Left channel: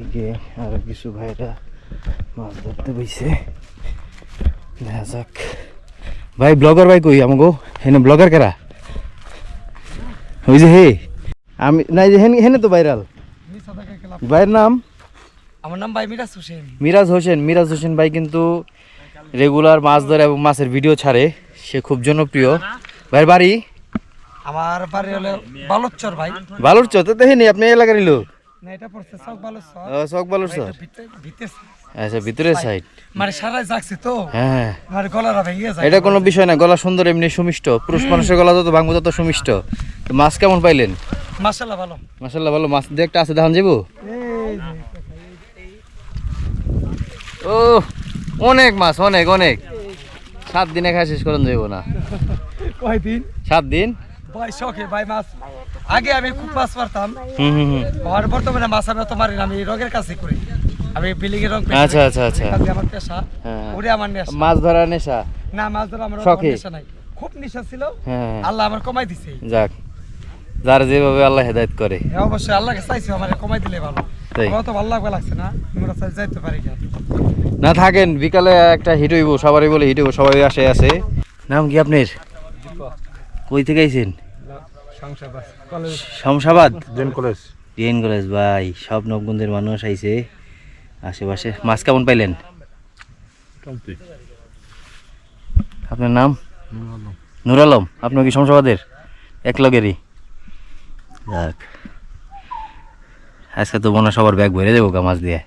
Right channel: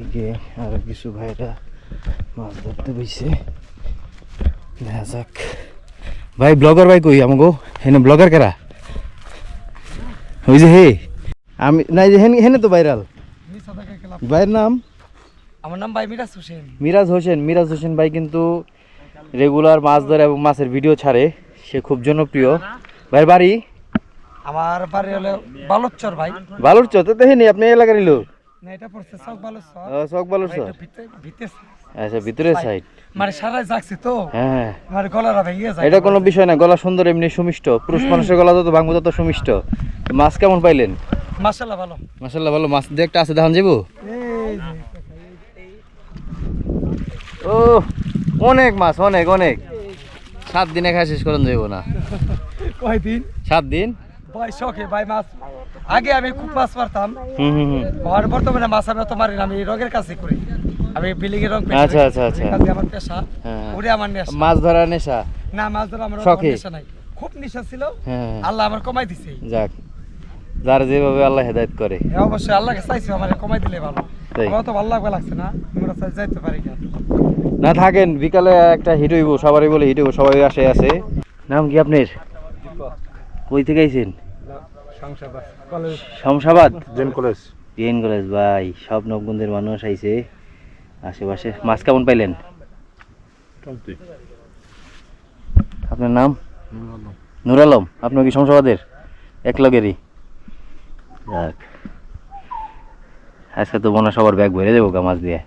এদিকে আরো কিছু ভাইরা মাছ ধরতে বইছে। দেখা যাক। ভাই ব্লগার ভাই কই আমাগো হেনে ব্লগার কারা? ওই যে হে আমি নাই যে হেনে তো ভাইরাল ভাইয়ের নাম? আমার নাম ভাই মিরাজ হোসেন। মিরাজ হোসেন ভাই কিন্তু রেগুলার মাছ ধরে এবং মাছের ভিডিও ছাড়ে, সে খুব জনপ্রিয়। ভাইয়ের বাড়ি? আমার বাড়ি হলো বালুরচর ভাই। বালুরচর তো দেখেনি আপনি এলাকারই লোক? না এটা পড়ছে চক বালুরচর। চক বালুরচর, ভিতরে আচ্ছা ভিতরের সাইড। মানে সারাই জাগছে তো হ্যাঁ মানে গলাটা ভেঙে যায়। এটা কোনো বিষয় না, গলা সুন্দর এমনি সুমিষ্ট, পুরুষ মানুষের গলা যত ভাঙবো তত সুমিষ্ট। মাছ কেমন পাইলেন? মাশাআল্লাহ ভালো। মাশাআল্লাহ ভালো। মাছ দিয়ে একটা আছে দেখান যাবো? ও অনেক মাছ, অনেক অনেক। 7 দিনে খাই শেষ করেন যাইব না। কয়দিন? 7 দিন ভাই শখে ভাই মাছ। আগে আমি খুব মাছ মারতাম, হুম। আর বর্তমানে মাছ আমি তো মারি না, আমি রঙের কাছে করি। আমি বিল্ডিং এর রং পেইন্ট। আচ্ছা আচ্ছা আচ্ছা, আমার পেশা। হ্যাঁ ওরে আমার নেশা। মাছ ধরার নেশা? না মাছ ধরা আমার শখে? নেশা নাই, খুব নেশা ছিল। হ্যাঁ আল্লাহ আমার কমাই দিছে। যাক, যার যেভাবে আল্লাহ হেদায়েত করে। হ্যাঁ অবশ্যই আল্লাহকে চাইছি আমার কমাই দিলে ভালো। তাই। আমার তো ভালো লাগছে না, আমরা চাই যাইতে পারি না। না থাকেন, বিকালে একটা হিট হইব, সবারই বলে হিট হইব, সবাই আসে আছে। নাম কি আপনার? কই থেকে আইছেন? শমশাবাদ ডিএন কলেজ। ভাই সব নবগঞ্জের মানুষ আইছে আশেপাশে। মাছ কেমন পাইলেন? আপনার নাম? নূর আলম। আপনার কি শমশাবাদের? এক লগেরই। যাক, আজকে তো মনে হয় সবার ব্যাগ ভরে দেবো মাছ দিয়ে।